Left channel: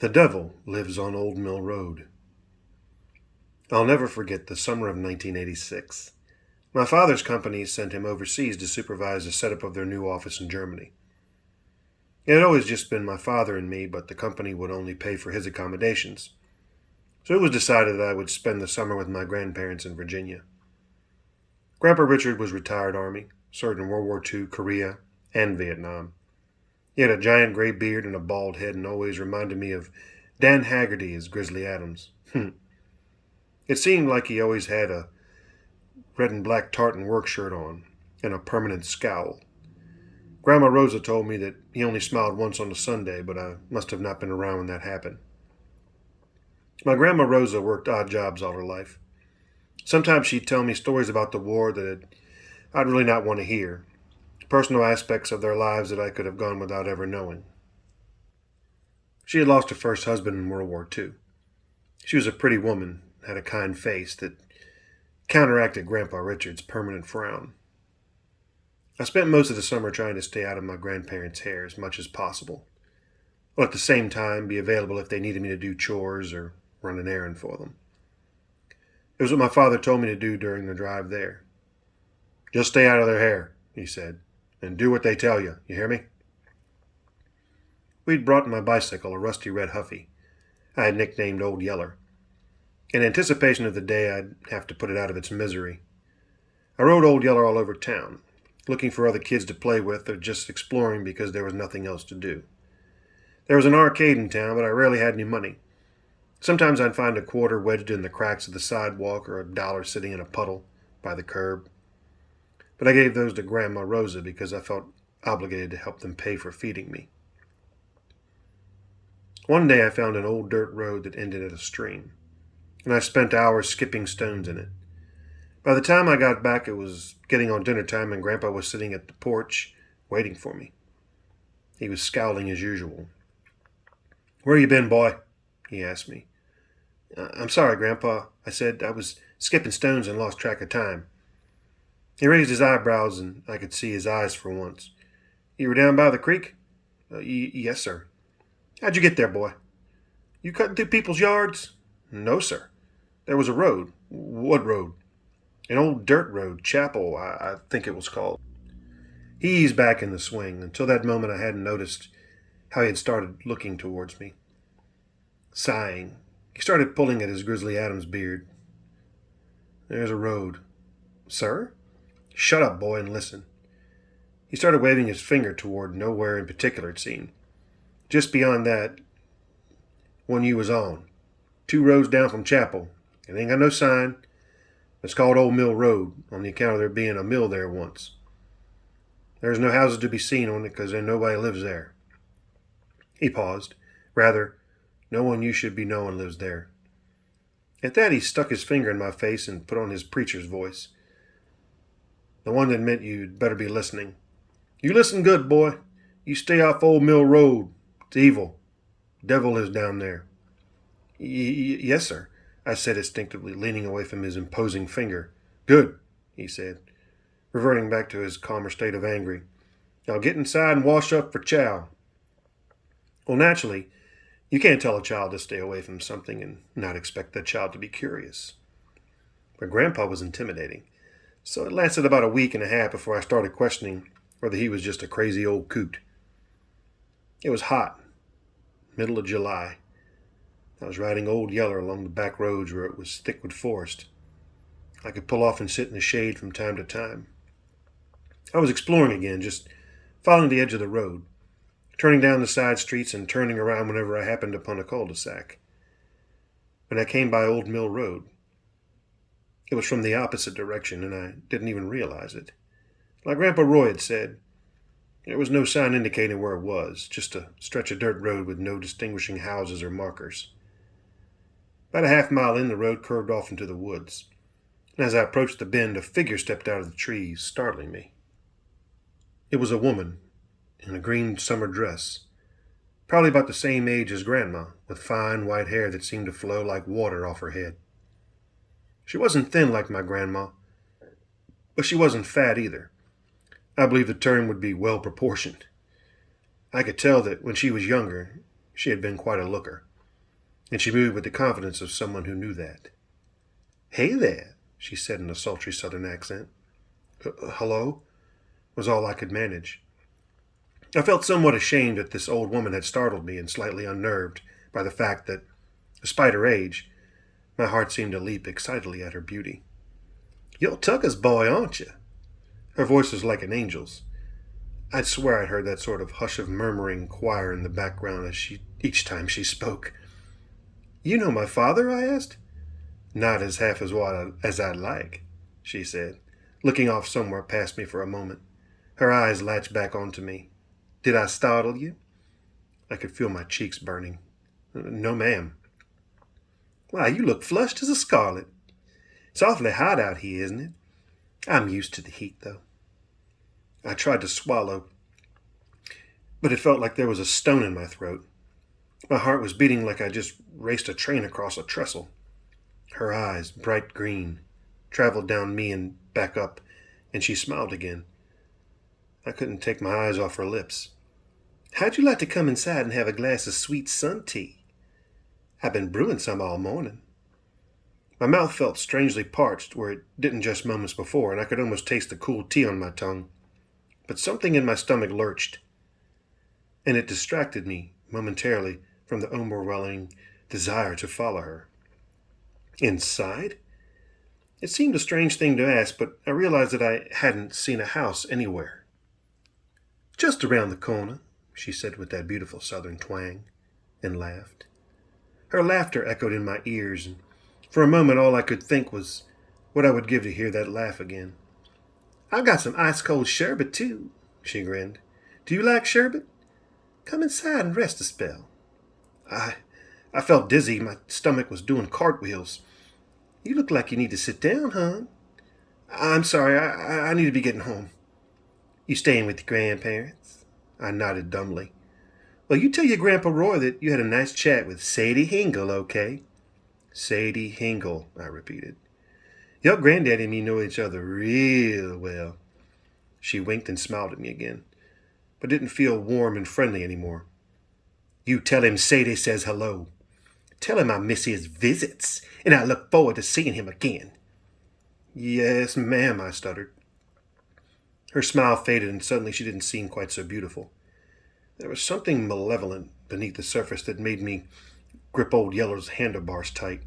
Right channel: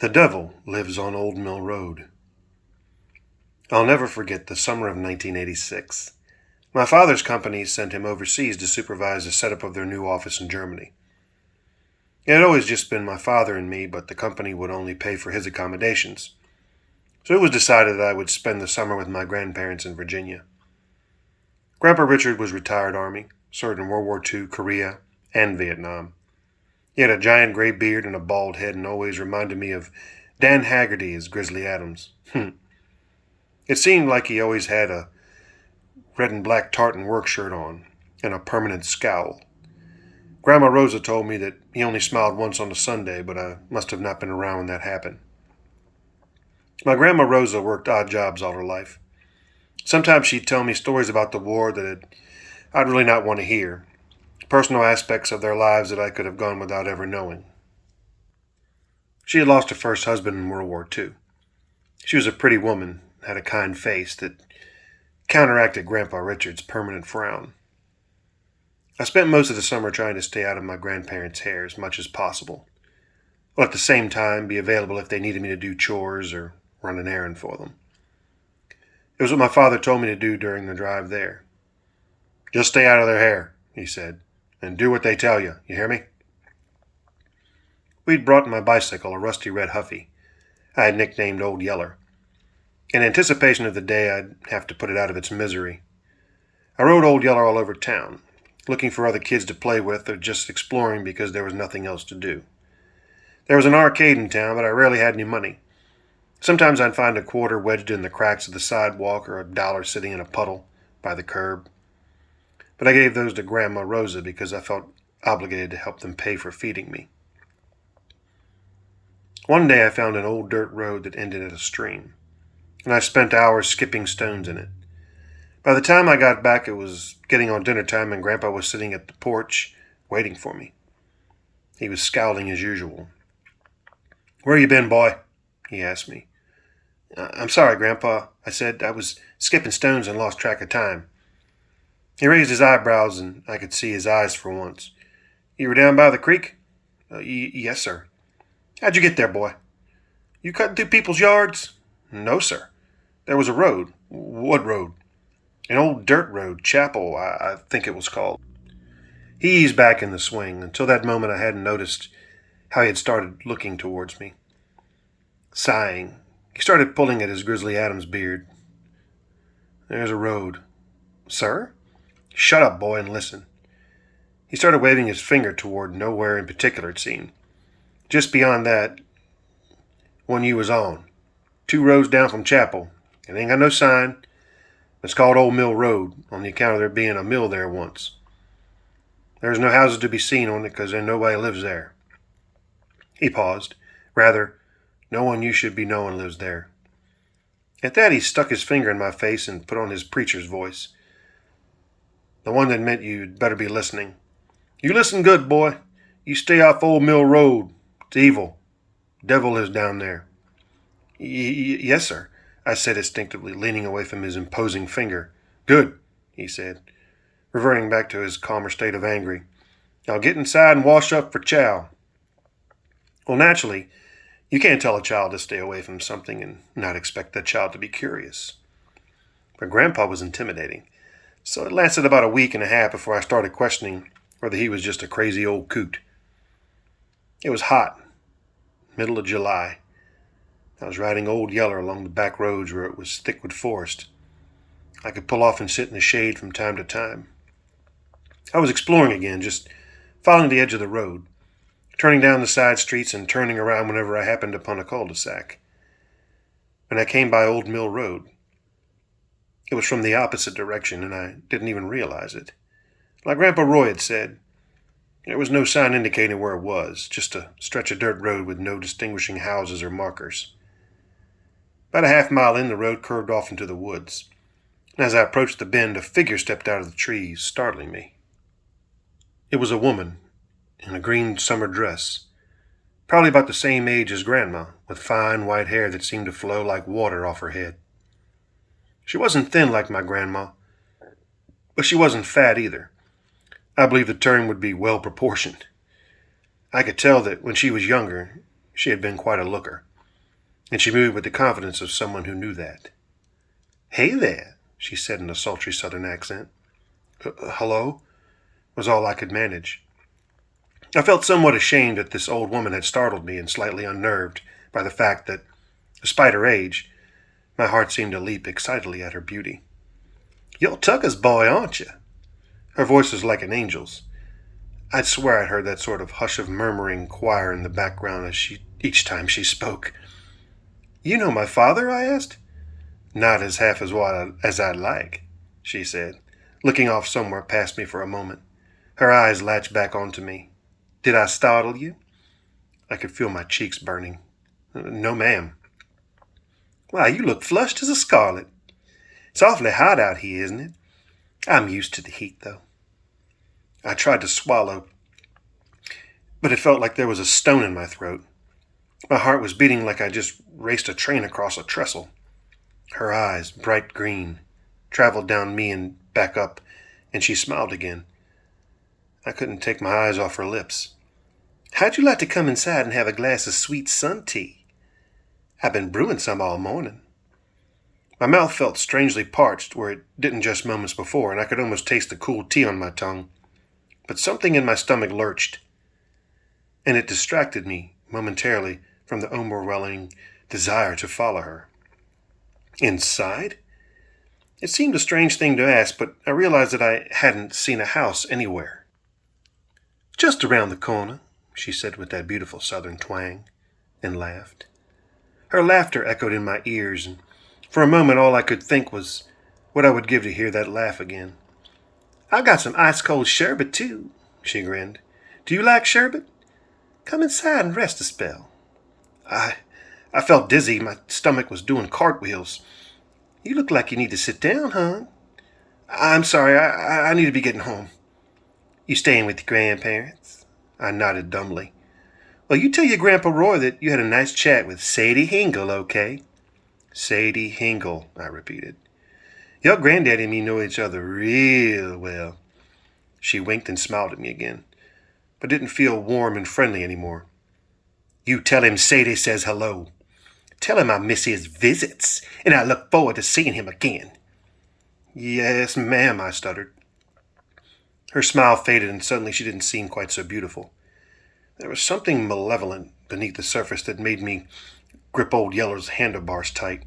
The devil lives on Old Mill Road. I'll never forget the summer of 1986. My father's company sent him overseas to supervise the setup of their new office in Germany. It had always just been my father and me, but the company would only pay for his accommodations. So it was decided that I would spend the summer with my grandparents in Virginia. Grandpa Richard was retired Army, served in World War II, Korea, and Vietnam. He had a giant gray beard and a bald head and always reminded me of Dan Haggerty as Grizzly Adams. It seemed like he always had a red and black tartan work shirt on and a permanent scowl. Grandma Rosa told me that he only smiled once on a Sunday, but I must have not been around when that happened. My Grandma Rosa worked odd jobs all her life. Sometimes she'd tell me stories about the war that I'd really not want to hear, personal aspects of their lives that I could have gone without ever knowing. She had lost her first husband in World War II. She was a pretty woman, had a kind face that counteracted Grandpa Richard's permanent frown. I spent most of the summer trying to stay out of my grandparents' hair as much as possible, while at the same time be available if they needed me to do chores or run an errand for them. It was what my father told me to do during the drive there. "Just stay out of their hair," he said, "and do what they tell you. You hear me?" We'd brought my bicycle, a rusty red Huffy. I had nicknamed Old Yeller, in anticipation of the day I'd have to put it out of its misery. I rode Old Yeller all over town, looking for other kids to play with or just exploring because there was nothing else to do. There was an arcade in town, but I rarely had any money. Sometimes I'd find a quarter wedged in the cracks of the sidewalk or a dollar sitting in a puddle by the curb. But I gave those to Grandma Rosa because I felt obligated to help them pay for feeding me. One day I found an old dirt road that ended at a stream, and I spent hours skipping stones in it. By the time I got back, it was getting on dinner time, and Grandpa was sitting at the porch waiting for me. He was scowling as usual. "Where you been, boy?" he asked me. "I'm sorry, Grandpa," I said. "I was skipping stones and lost track of time." He raised his eyebrows, and I could see his eyes for once. "You were down by the creek?" Yes, sir." "How'd you get there, boy?" "You cutting through people's yards?" "No, sir. There was a road." "What road?" "An old dirt road, Chapel, I think it was called." He eased back in the swing. Until that moment I hadn't noticed how he had started looking towards me. Sighing, he started pulling at his Grizzly Adams beard. "There's a road." "Sir?" "Shut up, boy, and listen." He started waving his finger toward nowhere in particular, it seemed. "Just beyond that, one you was on. 2 roads down from Chapel. It ain't got no sign. It's called Old Mill Road on the account of there being a mill there once. There's no houses to be seen on it because there nobody lives there." He paused. "Rather, no one you should be knowing lives there." At that he stuck his finger in my face and put on his preacher's voice, the one that meant you'd better be listening. "You listen good, boy. You stay off Old Mill Road. It's evil. Devil lives down there." Yes, sir," I said instinctively, leaning away from his imposing finger. "Good," he said, reverting back to his calmer state of angry. "Now get inside and wash up for chow." Well, naturally, you can't tell a child to stay away from something and not expect that child to be curious. But Grandpa was intimidating, so it lasted about a week and a half before I started questioning whether he was just a crazy old coot. It was hot, middle of July. I was riding Old Yeller along the back roads where it was thick with forest. I could pull off and sit in the shade from time to time. I was exploring again, just following the edge of the road, turning down the side streets and turning around whenever I happened upon a cul-de-sac. When I came by Old Mill Road, it was from the opposite direction, and I didn't even realize it. Like Grandpa Roy had said, there was no sign indicating where it was, just a stretch of dirt road with no distinguishing houses or markers. About a half-mile in, the road curved off into the woods, and as I approached the bend, a figure stepped out of the trees, startling me. It was a woman in a green summer dress, probably about the same age as Grandma, with fine white hair that seemed to flow like water off her head. She wasn't thin like my grandma, but she wasn't fat either. I believe the term would be well proportioned. I could tell that when she was younger, she had been quite a looker. and she moved with the confidence of someone who knew that. "Hey there," she said in a sultry southern accent. Hello?" was all I could manage. I felt somewhat ashamed that this old woman had startled me and slightly unnerved by the fact that, despite her age, my heart seemed to leap excitedly at her beauty. "You're Tucker's boy, aren't you?" Her voice was like an angel's. I'd swear I'd heard that sort of hush of murmuring choir in the background each time she spoke. "You know my father?" I asked. "Not as half as I'd like," she said, looking off somewhere past me for a moment. Her eyes latched back onto me. "Did I startle you?" I could feel my cheeks burning. "No, ma'am." "Why, you look flushed as a scarlet. It's awfully hot out here, isn't it? I'm used to the heat, though." I tried to swallow, but it felt like there was a stone in my throat. My heart was beating like I just raced a train across a trestle. Her eyes, bright green, traveled down me and back up, and she smiled again. I couldn't take my eyes off her lips. "How'd you like to come inside and have a glass of sweet sun tea? I've been brewing some all morning." My mouth felt strangely parched where it didn't just moments before, and I could almost taste the cool tea on my tongue. But something in my stomach lurched, and it distracted me momentarily from the overwhelming desire to follow her. Inside? It seemed a strange thing to ask, but I realized that I hadn't seen a house anywhere. "Just around the corner," she said with that beautiful southern twang, and laughed. Her laughter echoed in my ears, and for a moment all I could think was what I would give to hear that laugh again. "I got some ice-cold sherbet, too," she grinned. "Do you like sherbet? Come inside and rest a spell." I felt dizzy. My stomach was doing cartwheels. "You look like you need to sit down, hon." "I'm sorry, I need to be getting home." "You staying with your grandparents?" I nodded dumbly. "Well, you tell your Grandpa Roy that you had a nice chat with Sadie Hingle, okay?" "Sadie Hingle," I repeated. "Your granddaddy and me know each other real well." She winked and smiled at me again, but didn't feel warm and friendly anymore. "You tell him Sadie says hello. Tell him I miss his visits, and I look forward to seeing him again." "Yes, ma'am," I stuttered. Her smile faded, and suddenly she didn't seem quite so beautiful. There was something malevolent beneath the surface that made me grip Old Yeller's handlebars tight.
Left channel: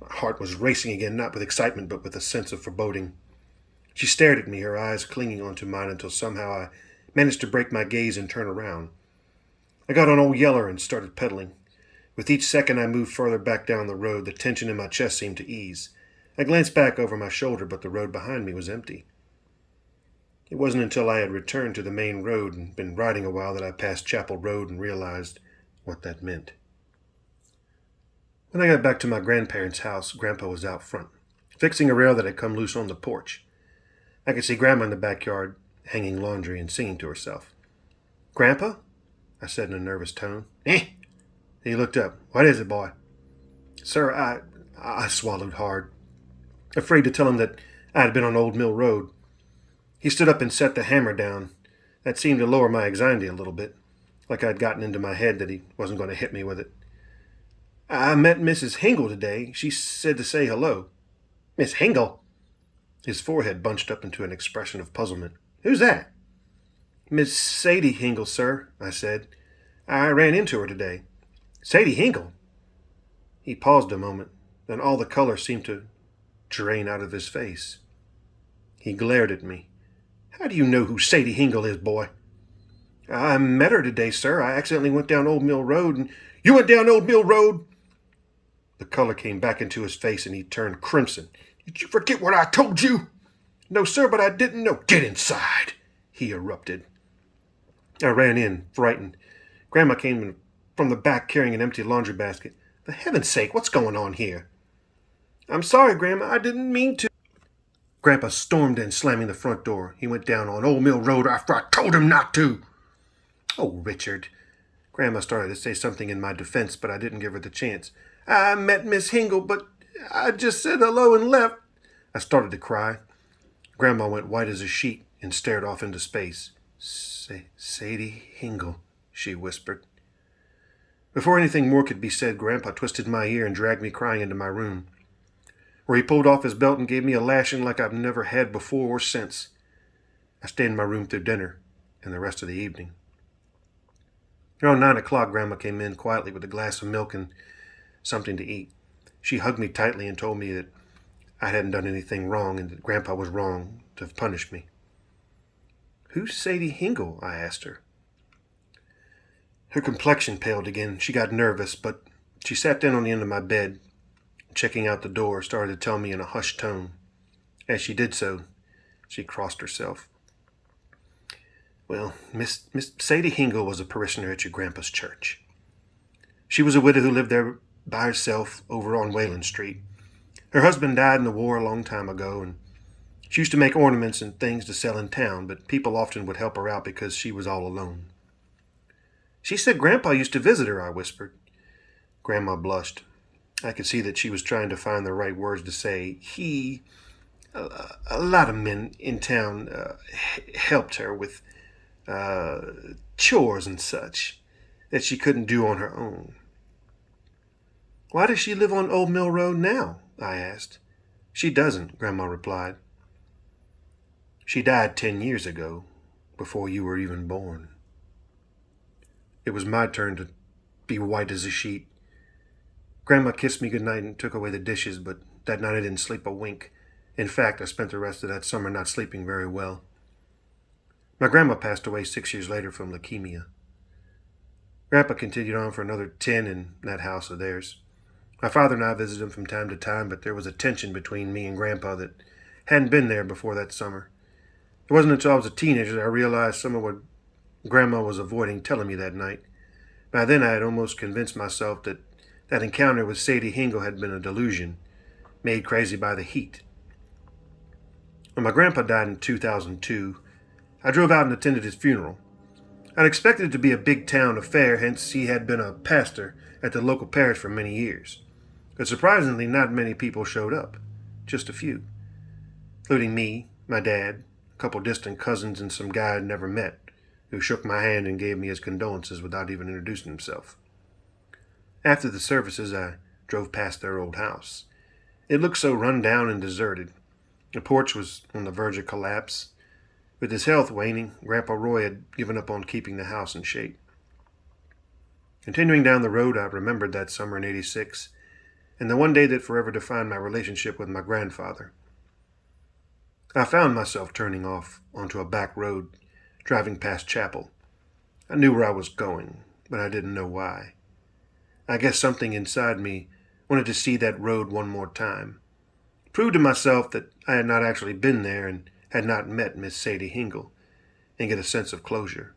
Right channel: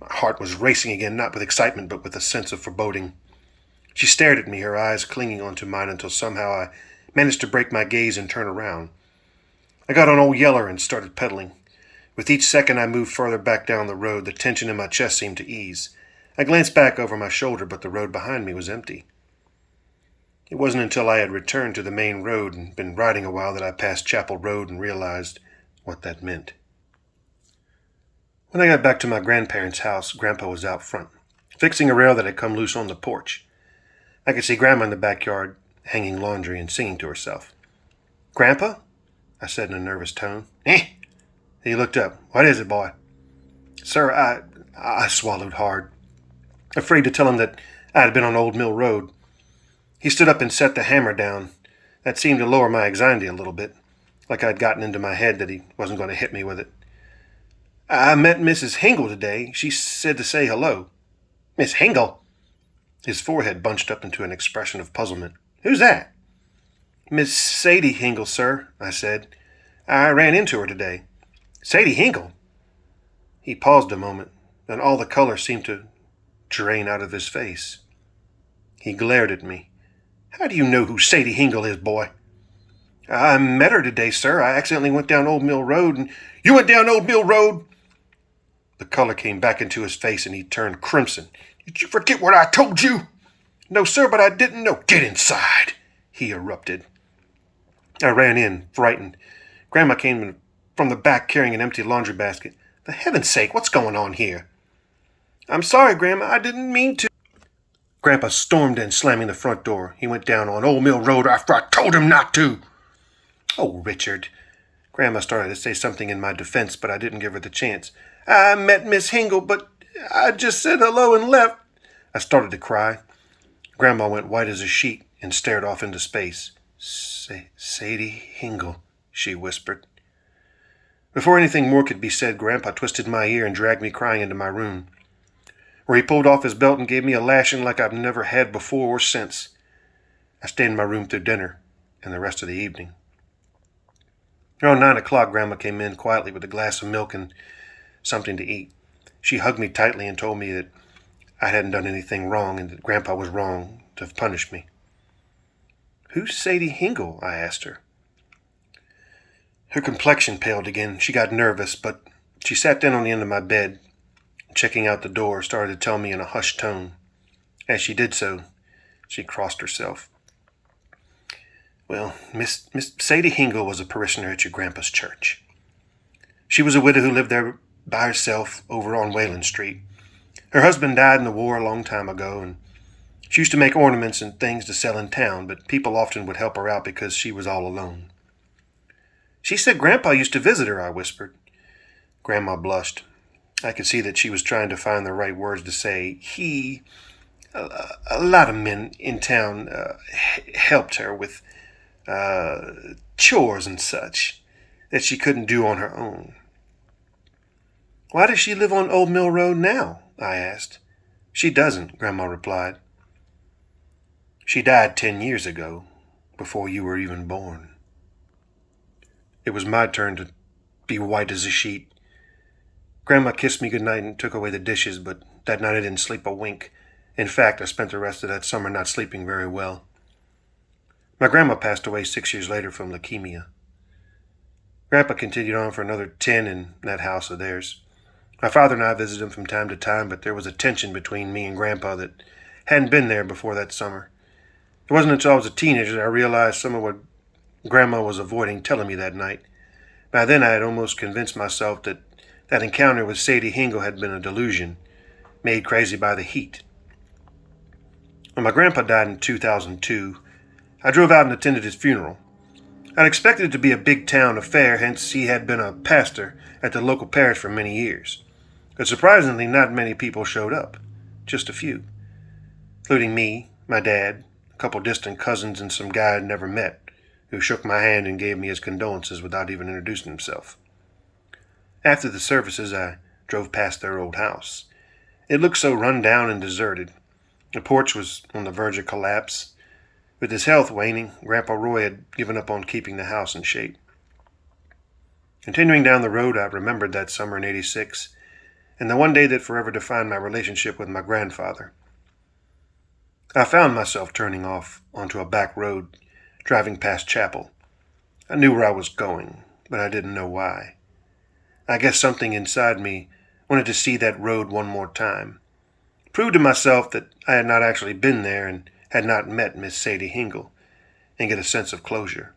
My heart was racing again, not with excitement, but with a sense of foreboding. She stared at me, her eyes clinging onto mine until somehow I managed to break my gaze and turn around. I got on Old Yeller and started pedaling. With each second I moved further back down the road, the tension in my chest seemed to ease. I glanced back over my shoulder, but the road behind me was empty. It wasn't until I had returned to the main road and been riding a while that I passed Chapel Road and realized what that meant. When I got back to my grandparents' house, Grandpa was out front, fixing a rail that had come loose on the porch. I could see Grandma in the backyard, hanging laundry and singing to herself. "Grandpa?" I said in a nervous tone. "Eh?" He looked up. "What is it, boy?" "Sir, I swallowed hard, afraid to tell him that I had been on Old Mill Road. He stood up and set the hammer down. That seemed to lower my anxiety a little bit, like I'd gotten into my head that he wasn't going to hit me with it. "I met Mrs. Hingle today. She said to say hello." "Miss Hingle?" His forehead bunched up into an expression of puzzlement. "Who's that?" "Miss Sadie Hingle, sir," I said. "I ran into her today." "Sadie Hingle?" He paused a moment, then all the color seemed to drain out of his face. He glared at me. "How do you know who Sadie Hingle is, boy?" "I met her today, sir. I accidentally went down Old Mill Road and—" "You went down Old Mill Road?" The color came back into his face and he turned crimson. "Did you forget what I told you?" "No, sir, but I didn't know." "Get inside," he erupted. I ran in, frightened. Grandma came in from the back carrying an empty laundry basket. "For heaven's sake, what's going on here?" "I'm sorry, Grandma. I didn't mean to." Grandpa stormed in, slamming the front door. He went down on Old Mill Road after I told him not to. "Oh, Richard." Grandma started to say something in my defense, but I didn't give her the chance. "I met Miss Hingle, but I just said hello and left." I started to cry. Grandma went white as a sheet and stared off into space. Sadie Hingle," she whispered. Before anything more could be said, Grandpa twisted my ear and dragged me crying into my room, where he pulled off his belt and gave me a lashing like I've never had before or since. I stayed in my room through dinner and the rest of the evening. Around 9 o'clock, Grandma came in quietly with a glass of milk and something to eat. She hugged me tightly and told me that I hadn't done anything wrong and that Grandpa was wrong to have punished me. "Who's Sadie Hingle?" I asked her. Her complexion paled again. She got nervous, but she sat down on the end of my bed, checking out the door, started to tell me in a hushed tone. As she did so, she crossed herself. "Well, Miss Sadie Hingle was a parishioner at your grandpa's church. She was a widow who lived there by herself over on Wayland Street. Her husband died in the war a long time ago, and she used to make ornaments and things to sell in town, but people often would help her out because she was all alone." "She said Grandpa used to visit her," I whispered. Grandma blushed. I could see that she was trying to find the right words to say. A lot of men in town helped her with chores and such that she couldn't do on her own." "Why does she live on Old Mill Road now?" I asked. "She doesn't," Grandma replied. "She died 10 years ago, before you were even born." It was my turn to be white as a sheet. Grandma kissed me goodnight and took away the dishes, but that night I didn't sleep a wink. In fact, I spent the rest of that summer not sleeping very well. My grandma passed away 6 years later from leukemia. Grandpa continued on for another 10 in that house of theirs. My father and I visited him from time to time, but there was a tension between me and Grandpa that hadn't been there before that summer. It wasn't until I was a teenager that I realized some of what Grandma was avoiding telling me that night. By then I had almost convinced myself that that encounter with Sadie Hingle had been a delusion, made crazy by the heat. When my grandpa died in 2002, I drove out and attended his funeral. I'd expected it to be a big town affair, hence he had been a pastor at the local parish for many years. But surprisingly, not many people showed up, just a few, including me, my dad, a couple distant cousins, and some guy I'd never met, who shook my hand and gave me his condolences without even introducing himself. After the services, I drove past their old house. It looked so run down and deserted. The porch was on the verge of collapse. With his health waning, Grandpa Roy had given up on keeping the house in shape. Continuing down the road, I remembered that summer in '86, and the one day that forever defined my relationship with my grandfather. I found myself turning off onto a back road, driving past Chapel. I knew where I was going, but I didn't know why. I guess something inside me wanted to see that road one more time, prove to myself that I had not actually been there and had not met Miss Sadie Hingle, and get a sense of closure.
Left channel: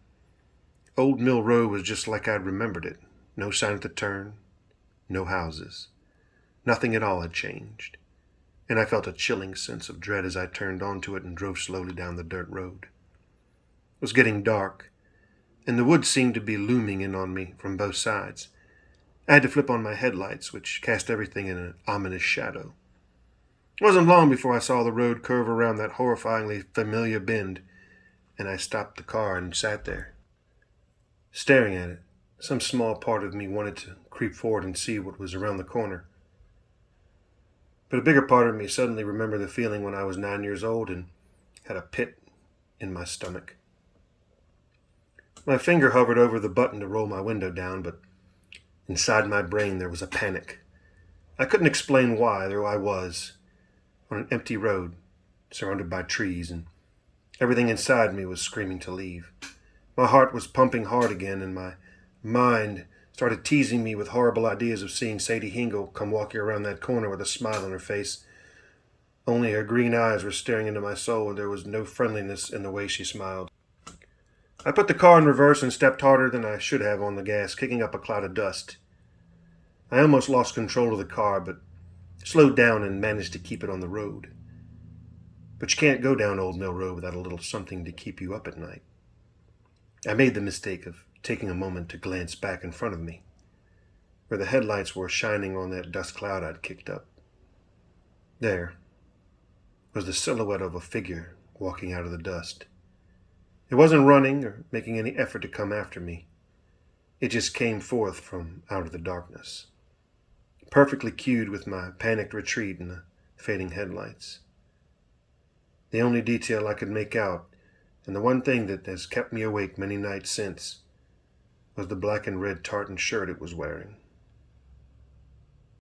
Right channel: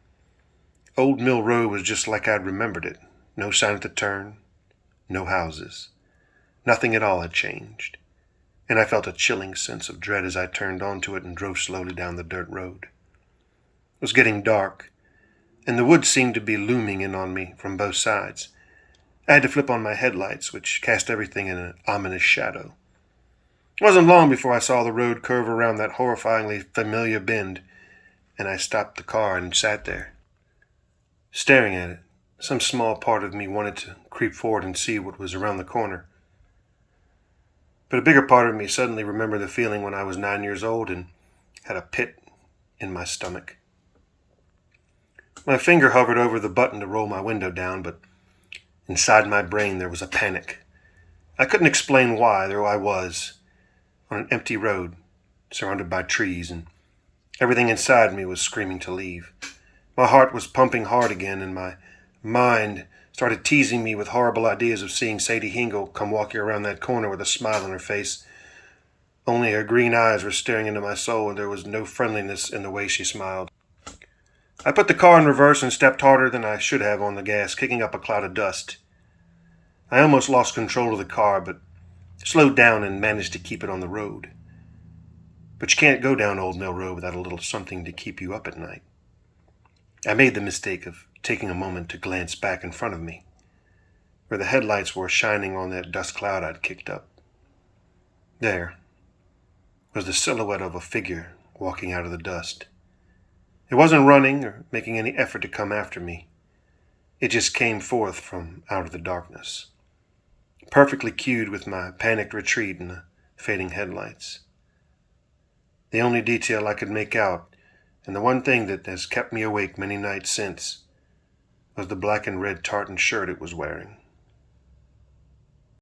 Old Mill Road was just like I'd remembered it. No sign at the turn, no houses. Nothing at all had changed, and I felt a chilling sense of dread as I turned onto it and drove slowly down the dirt road. It was getting dark, and the woods seemed to be looming in on me from both sides. I had to flip on my headlights, which cast everything in an ominous shadow. It wasn't long before I saw the road curve around that horrifyingly familiar bend, and I stopped the car and sat there, staring at it. Some small part of me wanted to creep forward and see what was around the corner. But a bigger part of me suddenly remembered the feeling when I was 9 years old and had a pit in my stomach. My finger hovered over the button to roll my window down, but inside my brain there was a panic. I couldn't explain why. There I was, on an empty road, surrounded by trees, and everything inside me was screaming to leave. My heart was pumping hard again, and my mind started teasing me with horrible ideas of seeing Sadie Hingle come walking around that corner with a smile on her face. Only her green eyes were staring into my soul, and there was no friendliness in the way she smiled. I put the car in reverse and stepped harder than I should have on the gas, kicking up a cloud of dust. I almost lost control of the car, but slowed down and managed to keep it on the road. But you can't go down Old Mill Road without a little something to keep you up at night. I made the mistake of taking a moment to glance back in front of me, where the headlights were shining on that dust cloud I'd kicked up. There was the silhouette of a figure walking out of the dust. It wasn't running or making any effort to come after me. It just came forth from out of the darkness, perfectly cued with my panicked retreat and the fading headlights. The only detail I could make out, and the one thing that has kept me awake many nights since, was the black and red tartan shirt it was wearing.